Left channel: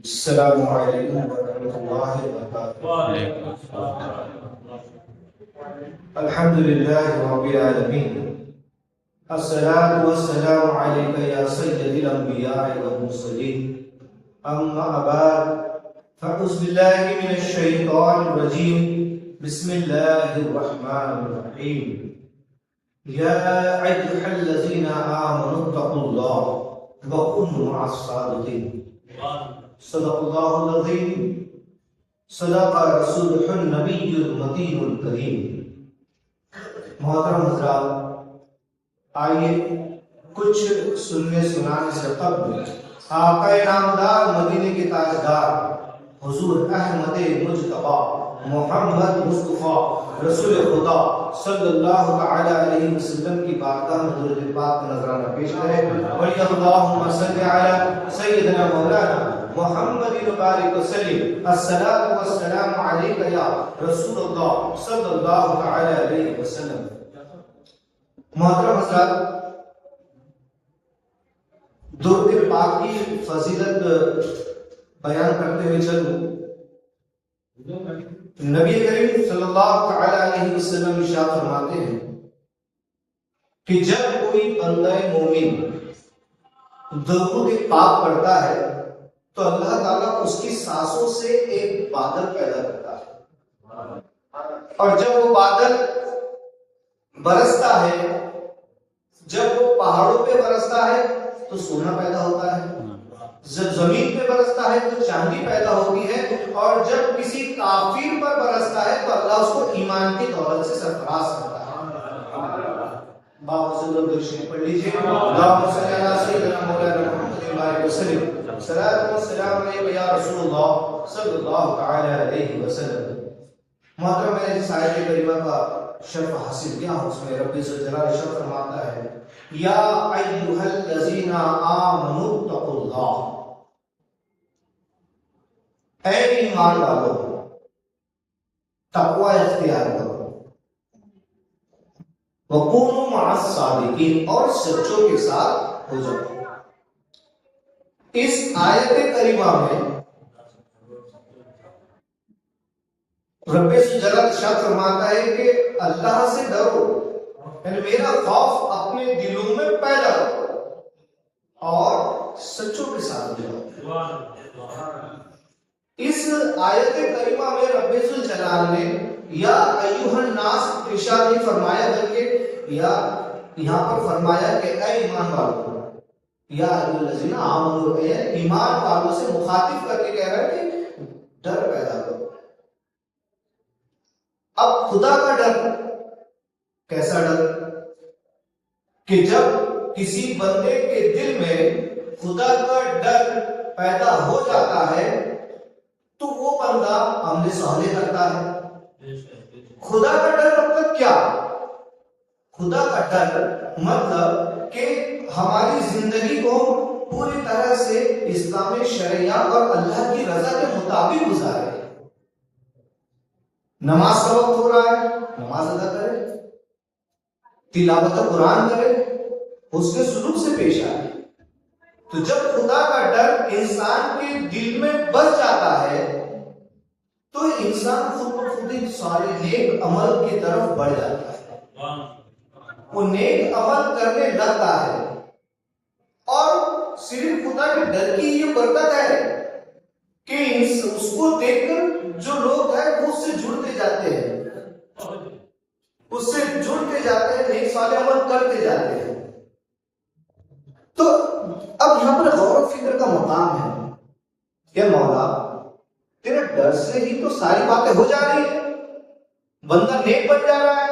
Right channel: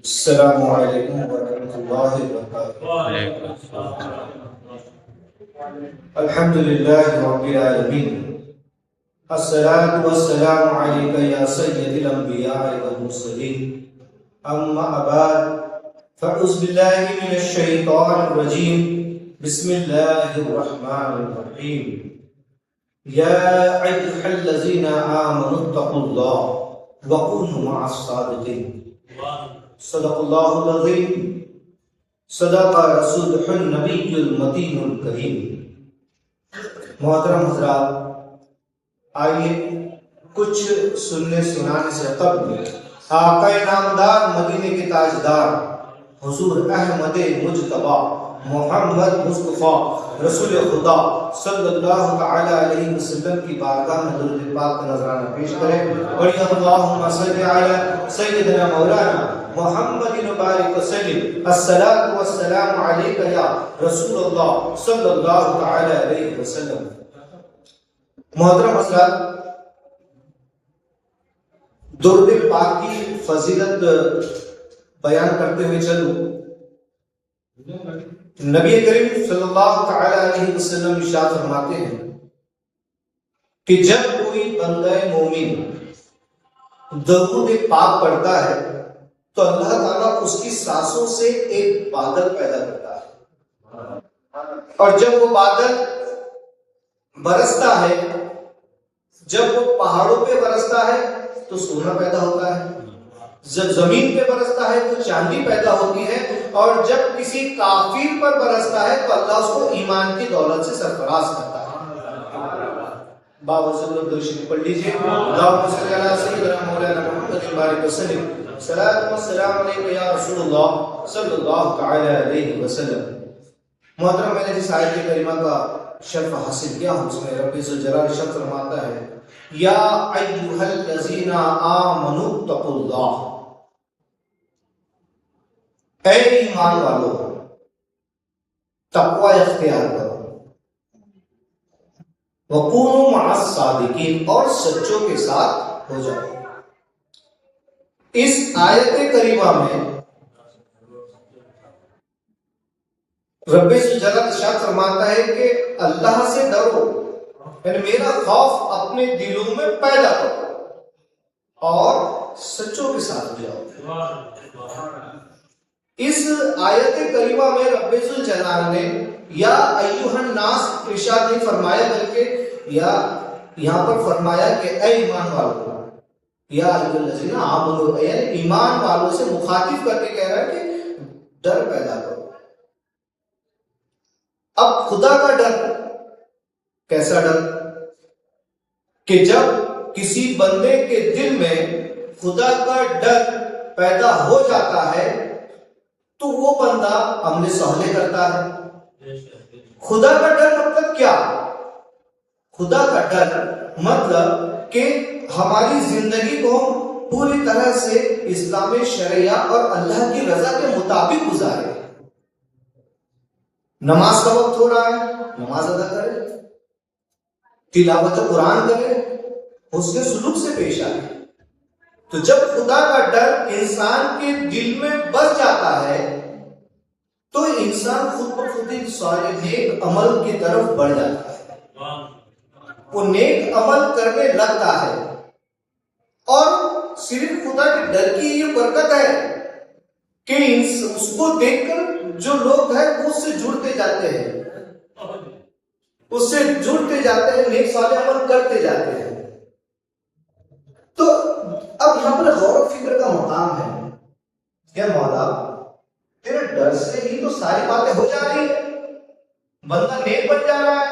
अस्सलामु अलैकुम वरहमतुल्लाहि वबरकातुहू। अल्हम्दुलिल्लाहि रब्बिल आलमीन। अस्सलातु वस्सलामु अलैका या सय्यदिल अंबिया'i वल मुरसलीन। अम्मा बाद फ़अऊज़ु बिल्लाहि मिनश शैतानिर रजीम। बिस्मिल्लाहिर रहमानिर रहीम। या अय्युहल्लज़ीना आमनुत्तक़ुल्लाह व कूनू मअस सादिक़ीन। सदक़ल्लाहुल अज़ीम। सदक़ रसूलुहुन नबियुल मतीनुल करीम। मोहतरम हज़रात, आइए कुछ सुनने सुनाने से कब्ल आक़ाए नामदार मदीने के ताजदार हुज़ूर अहमद मुज्तबा मोहम्मद मुस्तफ़ा रसूल खुदा सल्लल्लाहु तआला अलैहि वसल्लम की बारगाह में दुरूद पाक का नजराना पेश करें। और अल्लाहुम्मा सल्लि अला सय्यिदना मौलाना मुहम्मदिन बारिक वसल्लिम। अस्सलातु वस्सलामु अलैका या रसूलल्लाह सल्लल्लाहु तआला अलैहि वसल्लम। मोहतरम हज़रात, दुरूद पाक की फजीलत बयान करते हुए चलूं। नबी करीम सल्लल्लाहु तआला अलैहि वसल्लम इरशाद फरमाते हैं कि जब कोई बंदा मोमिन दरूद पाक पढ़ता है तो अल्लाह ताला उसकी सांसों से एक बादल पैदा करता है, और जब वो बादल बरसता है, जब वो पहाड़ों पे बरसता है तो सोना पैदा होता है, जब जमीन पे बरसता है तो चांदी पैदा होती है, और जब किसी काफिर पर बरसता है तो अल्लाह उसको ईमान की दौलत से सरफराज करता है। बावजूद दुरूद पढ़ लीजिए। अल्लाहुम्मा सल्लि अला सय्यिदिना मौलाना मुहम्मदिन बारिक वसल्लिम। सलातु वस्सलामु अलैका या रसूलल्लाह सल्लल्लाहु तआला अलैहि वसल्लम। मोहतरम, मैंने जिस आयत करीमा का शर्फ हासिल किया उसमें रब्बी ज़ुल जलाल शर्फ फरमाता है, या अय्युहल्लज़ीना आमनुत्तक़ुल्लाह, ऐ ईमान वालों तक़वा इख्तियार करो, वकूनू मअस सादिकीन, और सच्चों के साथ हो जाओ। इस आयत करीमा में रब्बे जलाल इरशाद फरमाता है कि अल्लाह से डरो, यानी मेरा खौफ अपने दिलों में पैदा करो और सच्चों के साथ हो जाओ। इस आयत करीमा में रब्बे जलाल ने या अय्युहन नास इरशाद नहीं फरमाया, बल्कि या यहां पर फरमाया कि ऐ ईमान वालों, या अय्युहल्लज़ीना आमनू, ईमान वालों से मुखातिब करके कह रहा है कि डर पैदा करो। अब खुदा का डर कैसा डर कि जब किसी बंदे के दिल में खुदा का डर पैदा हो जाता है तो वो बंदा हमले सहले करता है। खुदा का डर मतलब क्या? खुदा का डर मतलब कि हमारी जिंदगी को पूरी तरह से इस्लामी शरिया और अल्लाह की रजा के मुताबिक गुजारे। नमाज का वक्त हो रहा है, नमाज अदा करे, तिलावत कुरान करे, उसके सुलूक से पेश आए। तो जब खुदा का डर इंसान के दिल में बस जाता है तो इंसान खुद ब खुद सारे नेक अमल की तरफ बढ़ जाता है, वो नेक अमल करने लगता है। और सिर्फ खुदा के डर की ये बरकत है कि उसको देखकर जो लोग हैं वो उससे जुड़ते जाते हैं, उससे जुड़ते जाते हैं, नेक साले अमल करते जाते हैं। तो अब यहां पर गौर फिक्र का मकाम है कि मौला तेरे डर से ही तो सारी बातें हो जा रही है, बंदा नेक बन जा रहा है,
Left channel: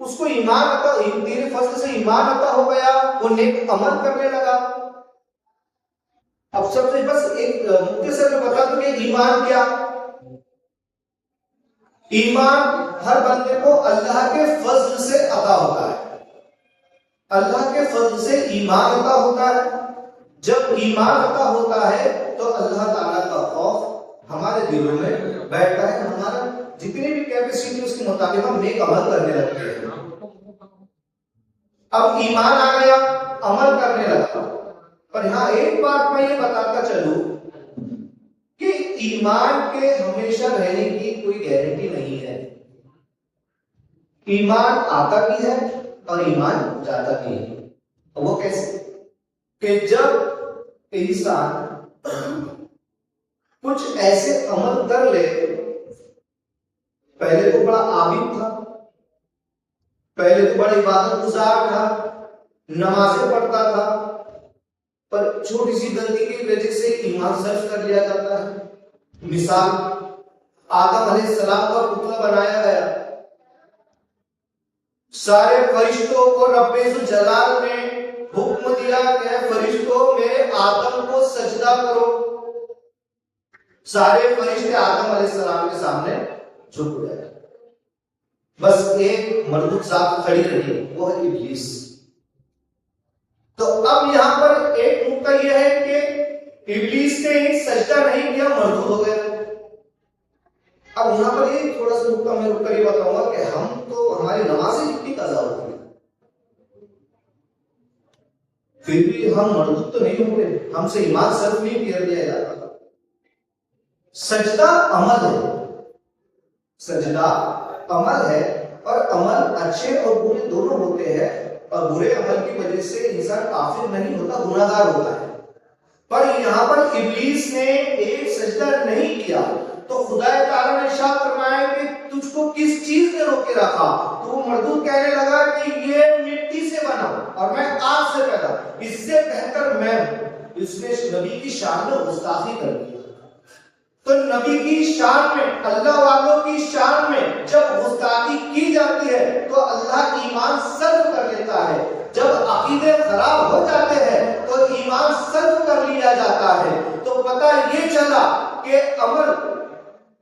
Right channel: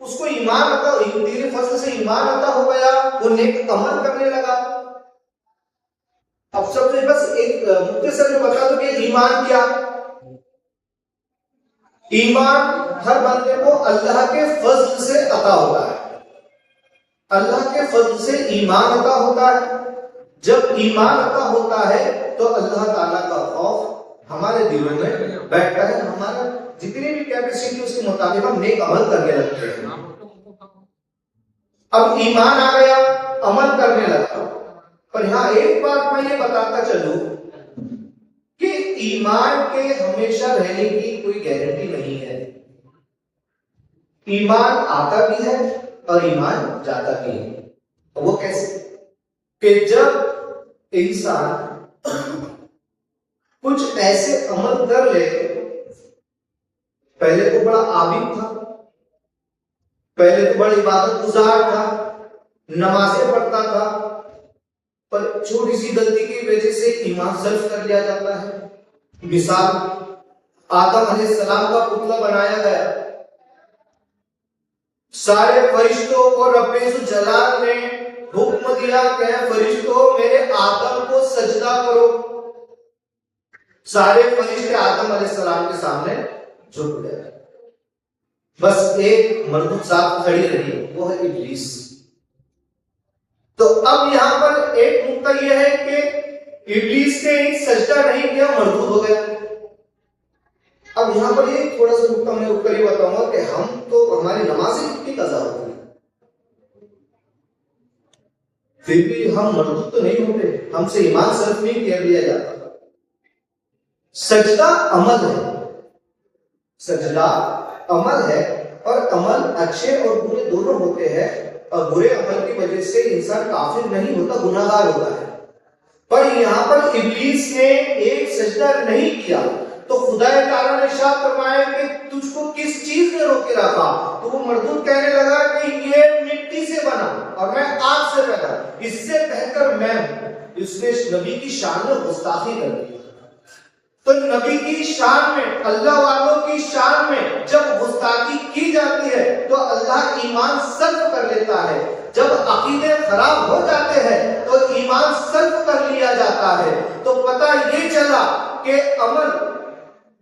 उसको ईमान आता, तेरे फजल से ईमान आता हो गया, वो नेक अमल करने लगा। अब सबसे बस एक मुख्तसर में बता दो कि ईमान क्या? ईमान हर बंदे को अल्लाह के फजल से अता होता है, अल्लाह के फजल से ईमान अता होता है। जब ईमान अता होता है तो अल्लाह ताला का खौफ हमारे दिलों में बैठता है, हमारा जितनी भी कैपेसिटी उसके मुताबिक हम नेक अमल करने लगते हैं। अब ईमान आ गया, अमल करने लगा। पर यहां एक बात मैं ये बताता चलूं ईमान के हमेशा रहने की कोई गारंटी नहीं है। ईमान आता भी है और ईमान जाता भी है। वो कैसे? कि जब इंसान कुछ ऐसे अमल कर ले, पहले तो बड़ा आबिद था, पहले तो बड़ा इबादत गुजार था, नमाजें पढ़ता था, पर छोटी सी गलती की वजह से ईमान सर्फ कर लिया जाता है। मिसाल, आदम अलैहिस्सलाम का पुतला बनाया गया, सारे फरिश्तों को रब्बे जलाल ने हुक्म दिया कि फरिश्तों मेरे आदम को सजदा करो। सारे फरिश्ते आदम अलैहिस्सलाम के सामने झुक गए, बस एक मरदूद साहब खड़ी रही, वो है इब्लीस। तो अब यहां पर एक नुक्ता यह है कि इब्लीस ने एक सजदा नहीं किया, मरदूद हो गया। अब यहां पर ये थोड़ा सा नुक्ता मैं रुक कर ये बताऊंगा कि हम तो हमारी नमाजें कितनी कज़ा होती है, फिर भी हम मरदूद तो नहीं होते, हमसे ईमान सर्फ नहीं किया लिया जाता। सजदा अमल है, सजदा अमल है, और अमल अच्छे और बुरे दोनों होते हैं, और बुरे अमल की वजह से इंसान काफिर नहीं होता, गुनाहगार होता है। पर यहां पर इब्लीस ने एक सजदा नहीं किया, तो खुदा ताला ने इरशाद फरमाया कि तुझको किस चीज ने रोके रखा? तो वो मरदूद कहने लगा कि ये मिट्टी से बना और मैं आग से पैदा, इससे बेहतर मैं हूं। इसने नबी की शान में गुस्ताखी कर दी। तो नबी की शान में, अल्लाह वालों की शान में जब गुस्ताखी की जाती है तो अल्लाह ईमान सर्फ कर लेता है। जब अकीदे खराब हो जाते हैं तो ईमान सर्फ कर लिया जाता है। तो पता ये चला कि अमल,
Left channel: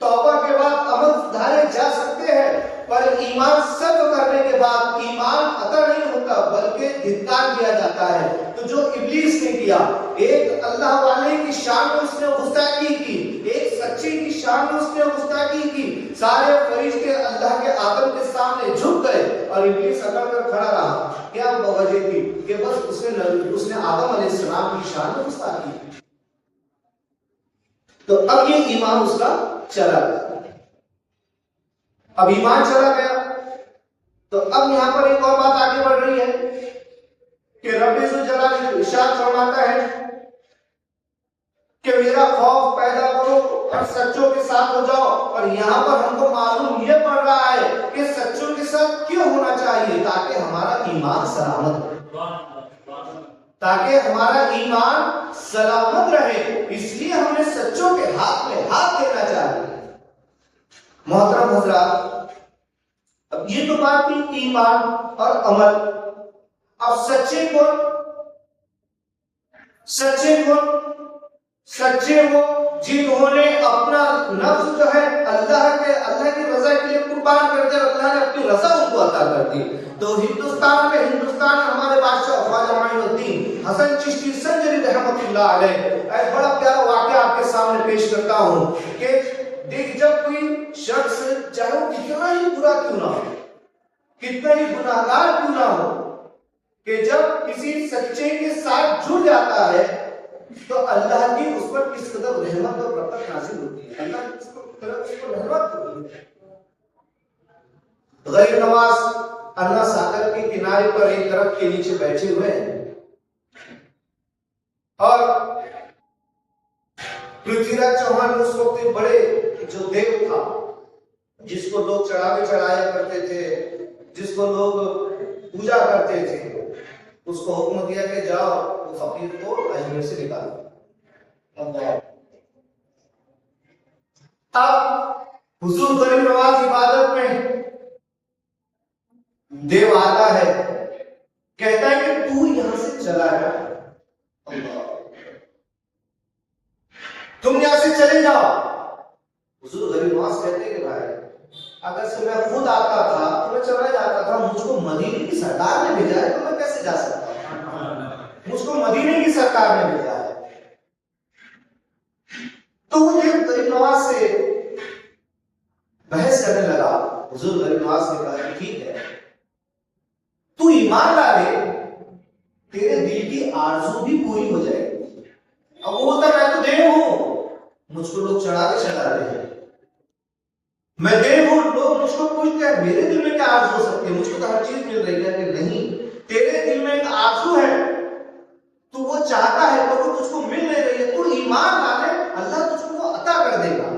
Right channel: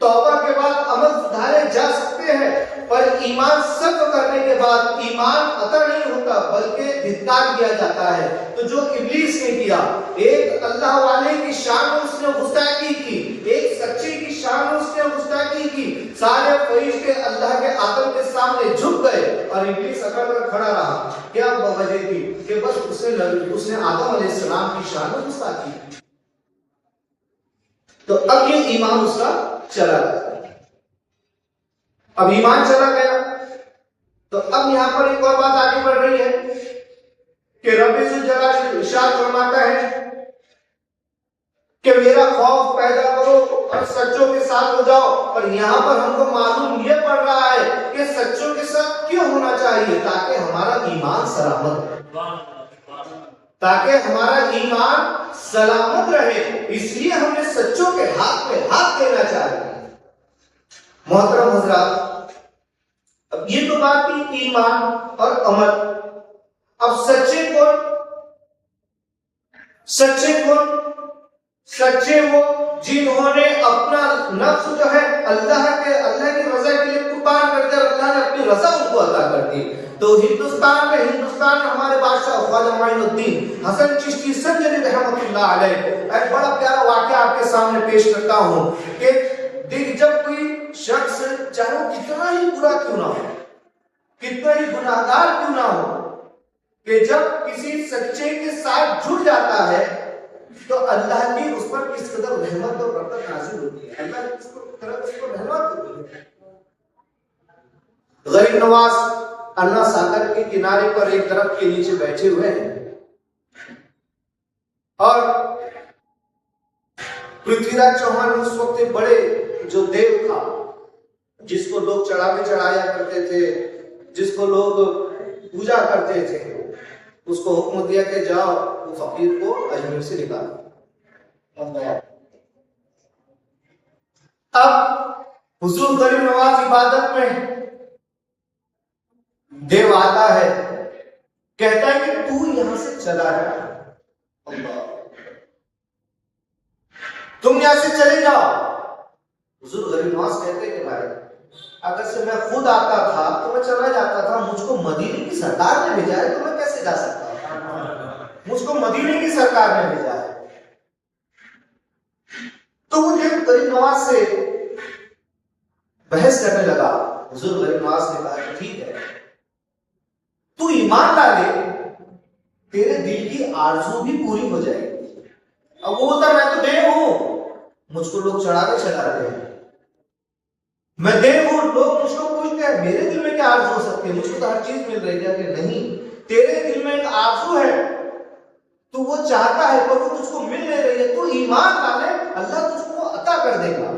तौबा के बाद अमल सुधारे जा सकते हैं, पर ईमान सर्फ करने के बाद ईमान अता नहीं होता, बल्कि धिक्कार किया जाता है। तो जो इब्लीस ने किया, एक अल्लाह वाले की शान में उसने गुस्ताखी की, एक सच्चे की शान में उसने गुस्ताखी की। सारे फरिश्ते अल्लाह के आदम के सामने झुक गए और इब्लीस अकड़ कर खड़ा रहा। क्या वजह थी? कि बस उसने आदम अलैहिस्सलाम की शान में गुस्ताखी की। तो अब ये ईमान उसका चला गया। अब ईमान चला गया तो अब यहां पर एक और बात आगे बढ़ रही है कि रब्बे जलाल इरशाद फरमाता है कि मेरा खौफ पैदा करो और सच्चों के साथ हो जाओ। और यहां पर हमको मालूम यह पड़ रहा है कि सच्चों के साथ क्यों होना चाहिए? ताकि हमारा ईमान सलामत रहे, ताकि हमारा ईमान सलामत रहे, इसलिए हमें सच्चों के हाथ में हाथ देना चाहिए। मोहतरम हज़रात, अब ये तो बात थी ईमान और अमल। अब सच्चे कौन? सच्चे कौन? सच्चे वो जिन्होंने अपना नफ्स जो है अल्लाह की रजा के लिए कुर्बान कर दिया, अल्लाह ने अपनी रजा उनको अता कर दी। तो हिंदुस्तान में हमारे बादशाह ख्वाजा मोइनुद्दीन हसन चिश्ती संजरी रहमतुल्लाह अलैह एक बड़ा प्यारा वाकया आपके सामने पेश करता हूं कि देख, जब कोई शख्स, चाहे वो कितना ही बुरा क्यों ना हो, कितना ही गुनाहगार क्यों ना हो, कि जब किसी सच्चे के साथ जुड़ जाता है तो अल्लाह की उस पर किस कदर रहमत और बरकत नाज़िल होती है। अल्लाह की उस पर रहमत होती है। गरीब नवाज अन्ना सागर के किनारे पर एक दरख्त के नीचे बैठे हुए हैं और पृथ्वीराज चौहान उस वक्त एक बड़े जो देव था, जिसको लोग चढ़ाया करते थे, जिसको लोग पूजा करते थे, उसको हुक्म दिया कि जाओ वो फकीर को अजमेर से निकालो। अब हुजूर गरीब नवाज इबादत में, देव आता है, कहता है कि तू यहां से चला जा, तुम यहां से चले जाओ। हुजूर गरीब नवाज कहते हैं कि भाई, अगर से मैं खुद आता था तो मैं चला जाता था, मुझको मदीने की सरकार ने भेजा है तो मैं कैसे जा सकता हूं? मुझको मदीने की सरकार ने भेजा है। तो वो गरीब नवाज से बहस करने लगा। हुजूर गरीब नवाज ने कहा कि ठीक है, तू ईमान ला ले, तेरे दिल की आरज़ू भी पूरी हो जाएगी। अब वो होता, मैं तो देव हूं, मुझको लोग चढ़ाते हैं, मैं देखूं लोग मुझको पूछते हैं मेरे दिल में क्या आरज़ू हो सकती है, मुझको तो हर चीज मिल रही है। कि नहीं, तेरे दिल में एक आरज़ू है, तू वो चाहता है पर वो तुझको मिल नहीं रही है, तू ईमान डाले अल्लाह तुझको अता कर देगा।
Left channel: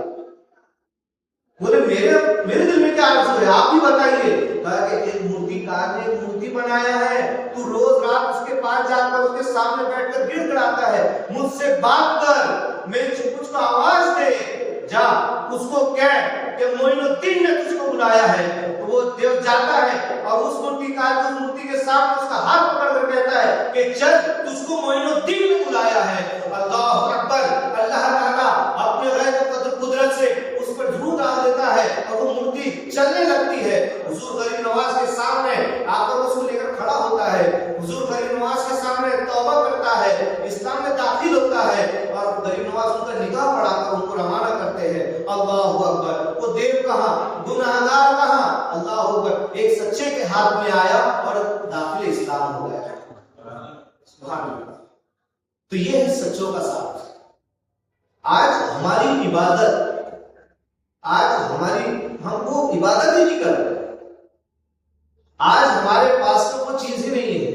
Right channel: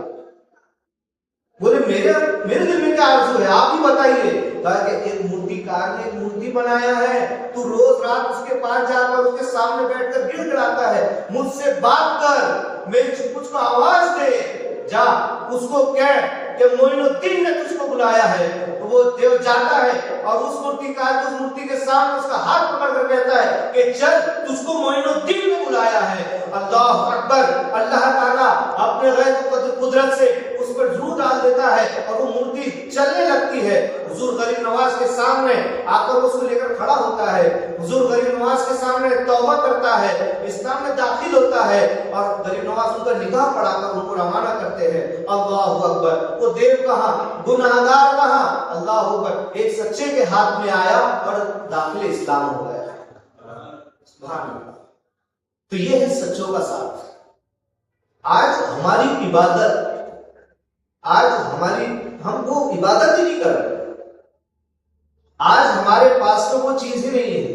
बोले मेरे दिल में क्या आरज़ू है, आप ही बताइए। कहा कि एक मूर्तिकार ने एक मूर्ति बनाया है, तू रोज रात उसके पास जाकर उसके सामने बैठकर गिड़गिड़ाता है, मुझसे बात कर, मेरी मुझको आवाज दे, जा उसको कह कि मोइनुद्दीन ने तुझको बुलाया है। तो वो देव जाता है और उस मूर्तिकार को मूर्ति के सामने उसका हाथ पकड़कर कहता है कि चल तुझको मोइनुद्दीन ने बुलाया है। अल्लाह अकबर। अल्लाह ताला अपने गैब कुदरत से उस पर रूह डाल देता है और वो मूर्ति चलने लगती है। हुजूर गरीब नवाज के सामने आकर उसको लेकर खड़ा होता है, हुजूर गरीब नवाज के सामने तौबा करता है, इस्लाम में दाखिल होता है और गरीब नवाज उनका निगाह पढ़ाकर उनको रवाना करते हैं। अल्लाह अकबर। वो देव कहां, गुनाहगार कहां, अल्लाह अकबर, एक सच्चे के हाथ में आया और दाखिल इस्लाम हो गया। सुभान अल्लाह। तो ये है सच्चों का साथ। आज हमारी इबादत, हम वो इबादत ही नहीं कर रहे। आज हमारे पास तो वो चीज ही नहीं है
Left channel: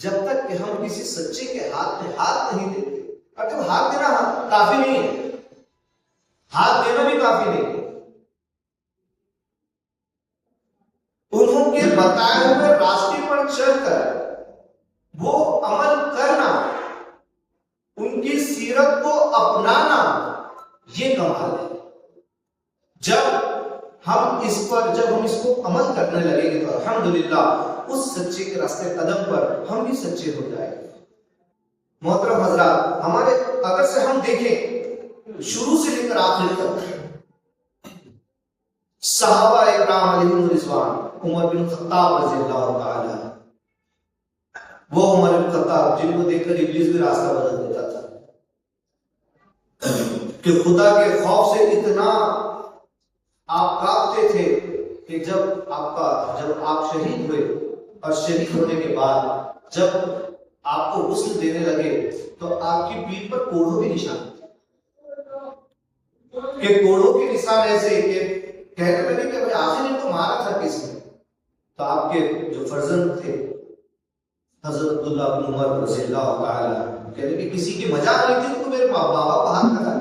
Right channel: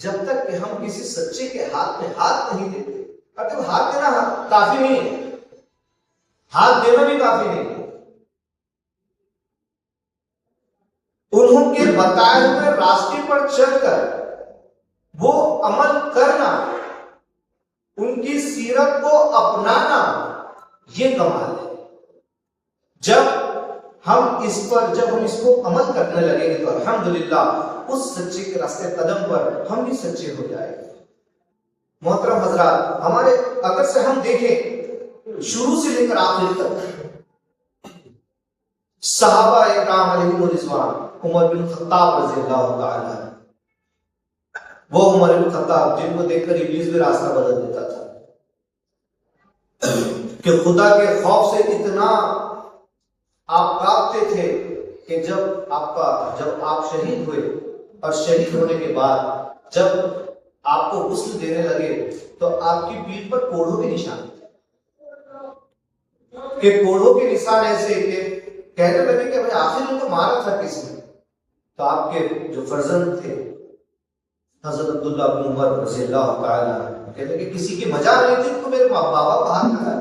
जब तक कि हम किसी सच्चे के हाथ में हाथ नहीं देते। अगर हाथ देना काफी नहीं है, हाथ देना भी काफी नहीं है, उन्होंने बताए हुए रास्ते पर चलकर वो अमल करना, उनकी सीरत को अपनाना, ये कमाल है। जब हम इसको अमल करने लगेंगे तो अल्हम्दुलिल्लाह उस सच्चे के रास्ते कदम पर हम भी सच्चे हो जाएंगे। मोहतरम हजरात, हमारे अगर से हम देखें शुरू से लेकर आखिर तक सहाबा इकराम अलैहिम रिज़वान, उमर बिन खत्ताब रज़ियल्लाहु ताला, वो उमर बिन खत्ताब जिनको देखकर इब्लीस भी रास्ता बदल देता था कि खुदा के खौफ से इतना आप कांपते थे कि जब आप शहीद हुए और शहीद होने के बाद जब आपको गुस्ल देने लगे तो आपकी पीठ पर कोढ़ों के निशान थे, कोढ़ों के निशान ऐसे कि कहने लगे कि भाई आखिर इनको मारा था किसने। तो आपके जो फर्जंद थे हजरत अब्दुल्लाह बिन उमर रज़ियल्लाहु ताला कहते कि किसी की मजाक नहीं थी, मेरे माँ बाबा को हाथ लगा।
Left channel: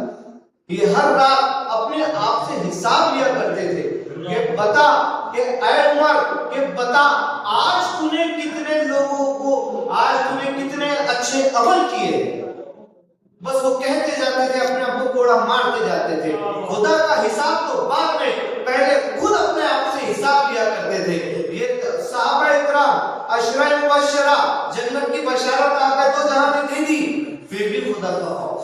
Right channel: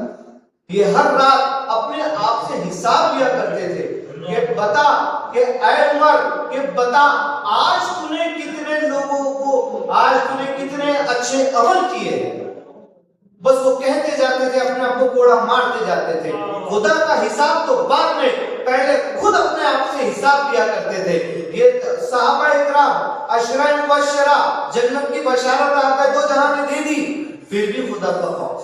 ये हर रात अपने आप से हिसाब लिया करते थे कि बता कि ऐ उमर, कि बता आज तूने कितने लोगों को, आज तूने कितने अच्छे अमल किए। बस वो कहते जाते थे, अपने आप को कोड़ा मारते जाते थे। खुदा का हिसाब तो बाद में, पहले खुद अपने आप से हिसाब लिया करते थे। ये सहाबा इकराम अशरा मुबश्शरा, जन्नत की बशारत आपको दो जहां ने दे दी, फिर भी खुदा का खौफ।